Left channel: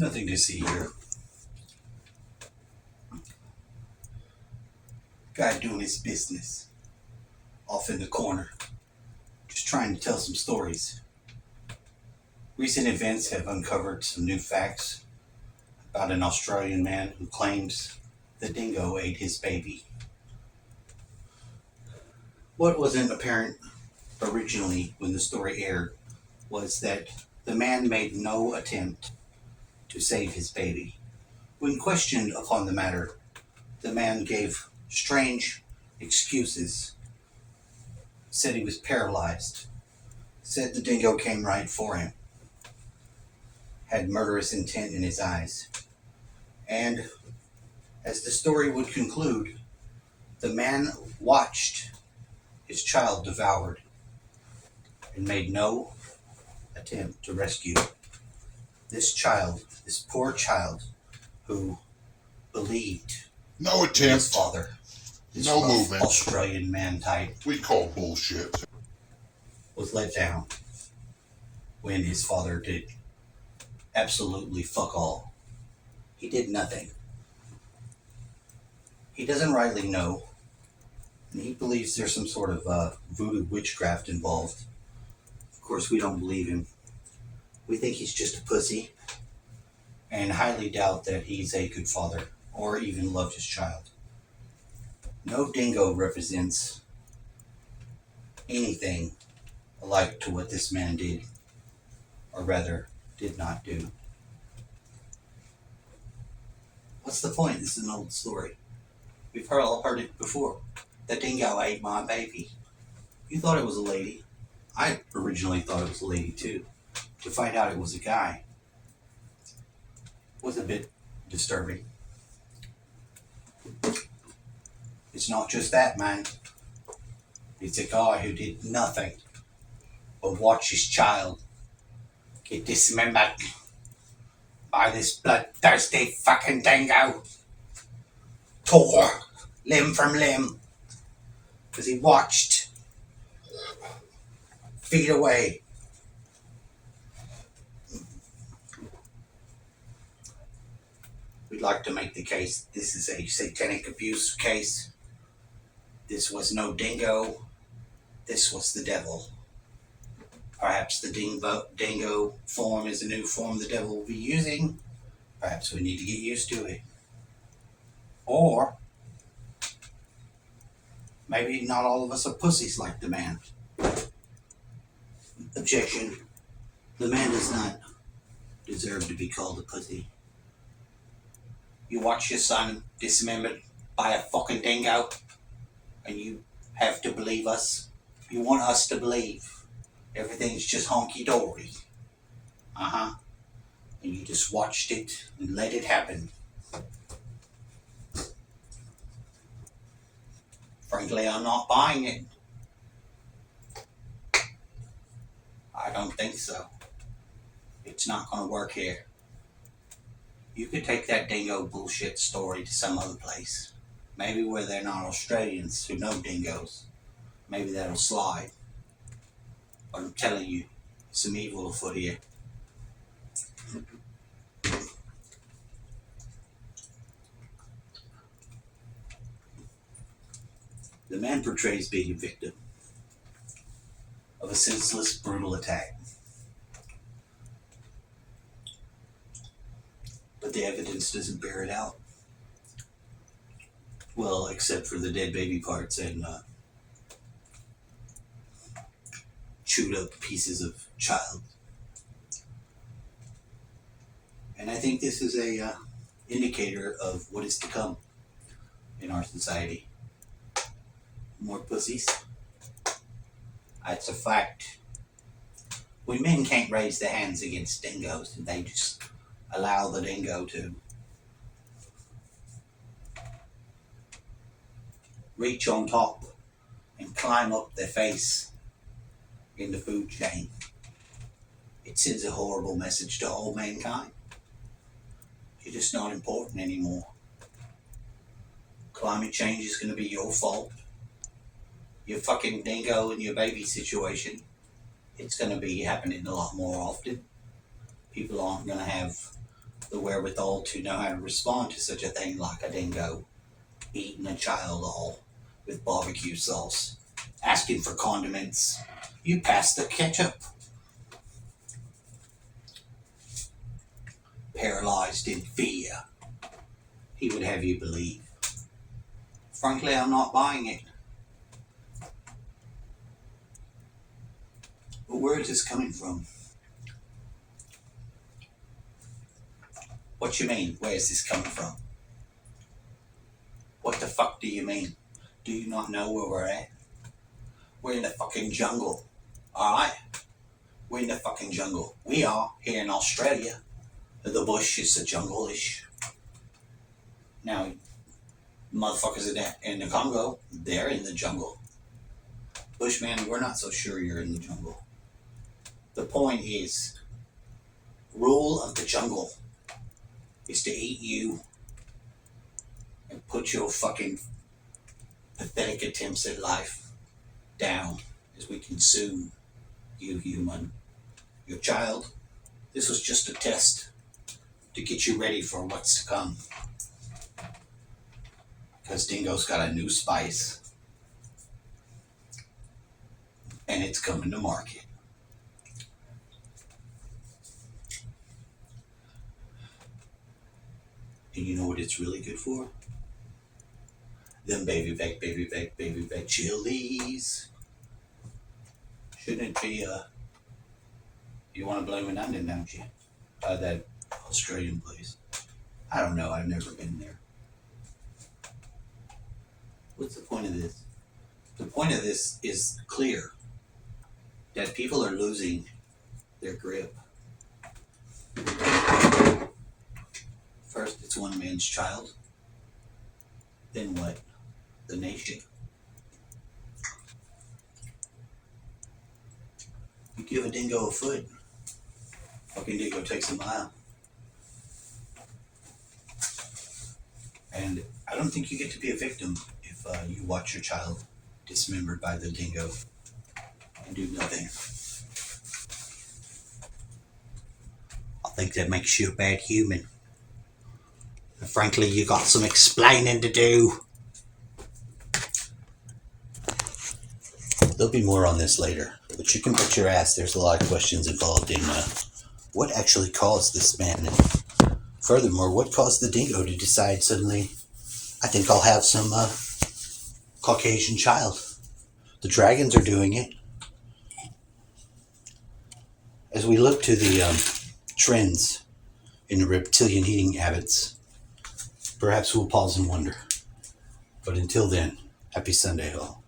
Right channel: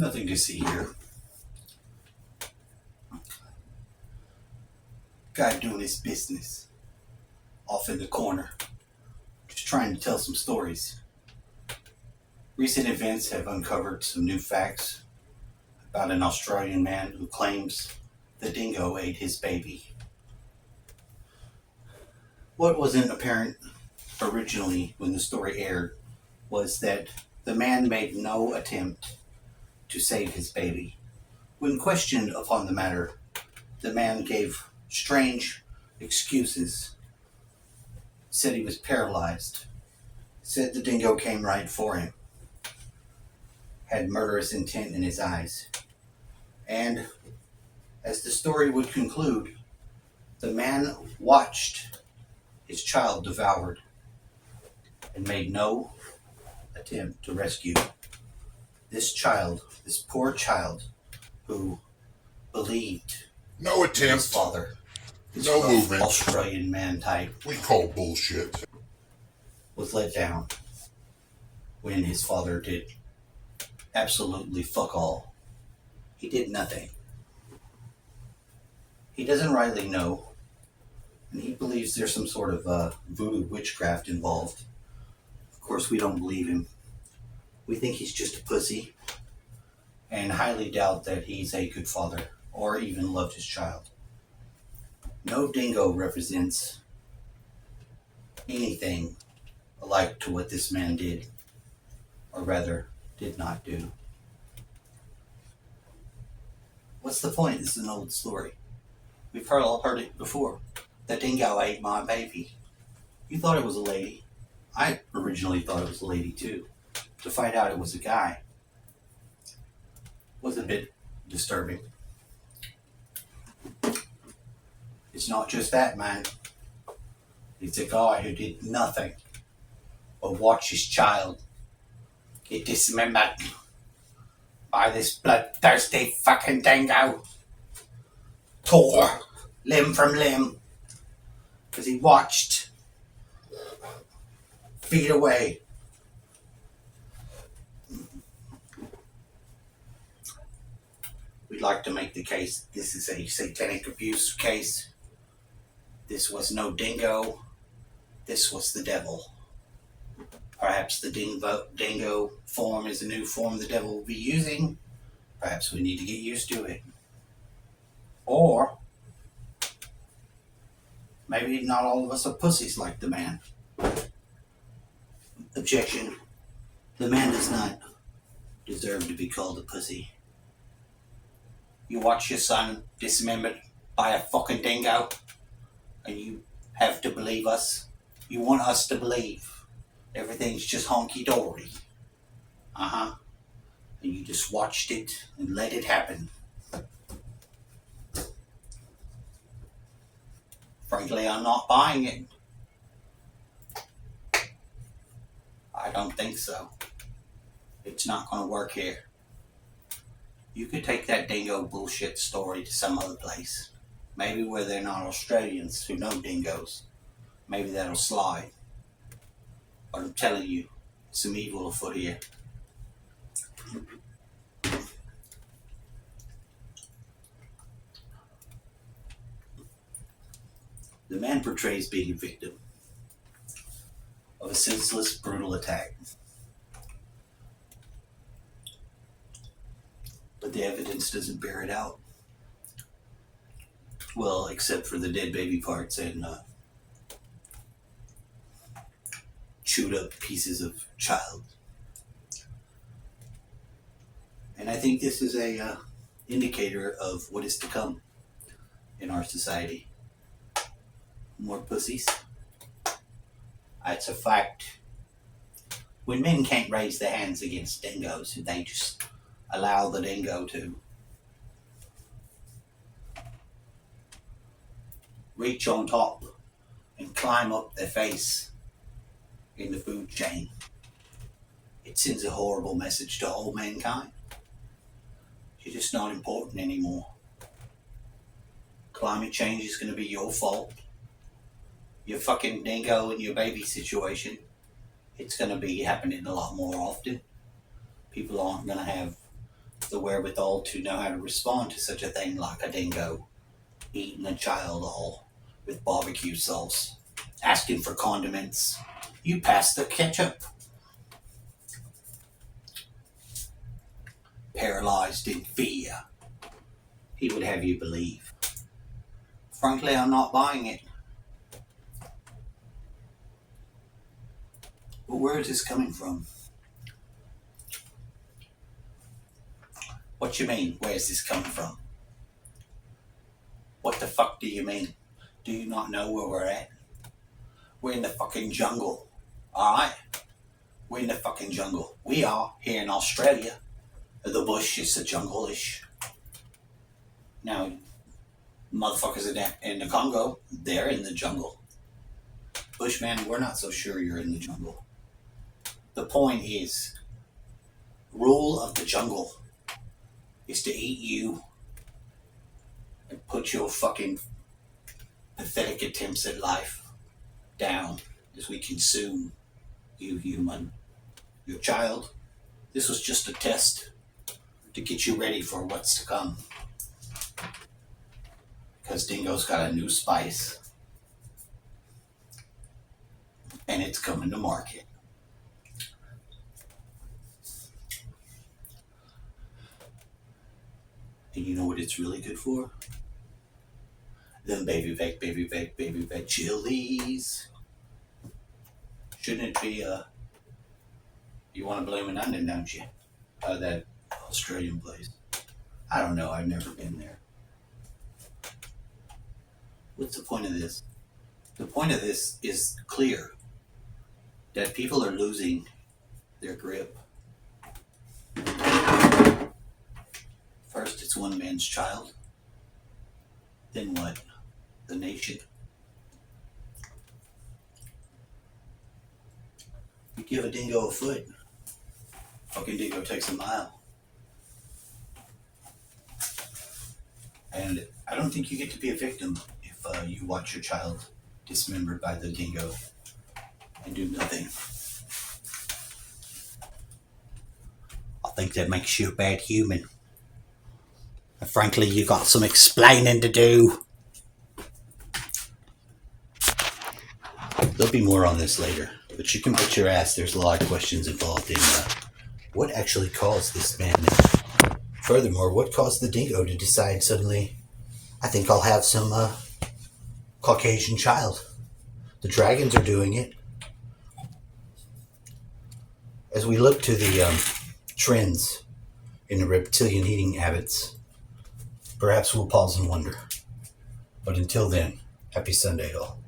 Nothing to see here. Guy doing his business off in the corner, just trying to tell some stories. Recent events have uncovered some new facts about an Australian man who claims the dingo ate his baby. What wasn't apparent originally when the story aired was that the man made no attempt to save his baby. When questioned upon the matter, the man gave strange excuses, said he was paralyzed, said the dingo came right for him, had murderous intent in his eyes. And as the story would conclude, the man watched his child devoured and made no attempt to rescue this child, this poor child who believed No his attempt. father, this No rough movement. Australian man type, We call bullshit. was let down when his father did absolutely fuck all. He did nothing. He doesn't rightly know, and he believes there's some sort of voodoo witchcraft involved. Of course, we don't believe him. We think he's just a pussy, and highly doubt that he's a good father or even loved his child. No dingo represents anything alike to what this man did, or rather, did not do. What's the point? This is an old story. We've all heard it before. The dingo ate my baby. You thought it was a lady. I originally thought it was a lady too. To find out it was a guy was a bit disturbing. It's not just that, man. It's a guy who did nothing but watch his child get dismembered by this bloodthirsty fucking dingo. Tore limb from limb because he watched feet away. We'd like to make the case this is a satanic abuse case. This was no dingo. This was the devil. Perhaps the dingo form is a new form the devil will be using. Perhaps we need to get used to it. Or maybe not all of us are pussies like the man. Objection. The man does not deserve to be called a pussy. You watch your son dismembered by a fucking dingo, and you have to believe us. You want us to believe everything's just honky-dory. And you just watched it and let it happen. Frankly, I'm not buying it. I don't think so. It's not going to work here. You could take that dingo bullshit story to some other place. Maybe where they're not Australians who know dingoes. Maybe that'll slide. But I'm telling you, some evil afoot here. The man portrays being a victim of a senseless, brutal attack. But the evidence doesn't bear it out. Well, except for the dead baby parts and chewed up pieces of child. And I think this is a indicator of what is to come in our society. More pussies. It's a fact. When men can't raise their hands against dingoes, they just allow the dingo to reach on top and climb up their face in the food chain. It sends a horrible message to all mankind. You're just not important anymore. Climate change is going to be your fault. Your fucking dingo and your baby situation, it's going to be happening a lot more often. People aren't going to have the wherewithal to know how to respond to such a thing like a dingo eating a child all with barbecue sauce, asking for condiments. You pass the ketchup. Paralyzed in fear, he would have you believe. Frankly, I'm not buying it. But where is this coming from? What you mean, where is this coming from? What the fuck do you mean? Do you not know where we're at? We're in the fucking jungle. Alright? We're in the fucking jungle. We are here in Australia. The bush is the jungle-ish. Now, motherfuckers in the Congo, they're in the jungle. Bushman, we're not so sure you're in the jungle. The point is, rule of the jungle is to eat you and put your fucking pathetic attempts at life down as we consume you, human. Your child, this was just a test to get you ready for what's to come. Because Dingo's got a new spice. And it's coming to market. And you know what it's really good for? Them baby back chilies. Shouldn't it be, you want to blame an onion, don't you? That Australian place. I don't know, I've never been there. What's the point of this? The point of this is clear. That people are losing their grip. First, it's one man's child. Then what? The nation. You give a dingo a foot, fucking dingo takes a mile. And I don't think you get to be a victim if you watch your child dismembered by the dingo and do nothing. I think that makes you a bad human. And frankly, you got some explaining to do. There'll be more on this later, but you can bet your ass there's a lot of questions involved in what actually caused this madness. Furthermore, what caused the dingo to decide suddenly, I think I'll have some Caucasian child. The dragons are doing it. As we look to the trends in the reptilian eating habits, perhaps we'll pause and wonder. But until then, happy Sunday all.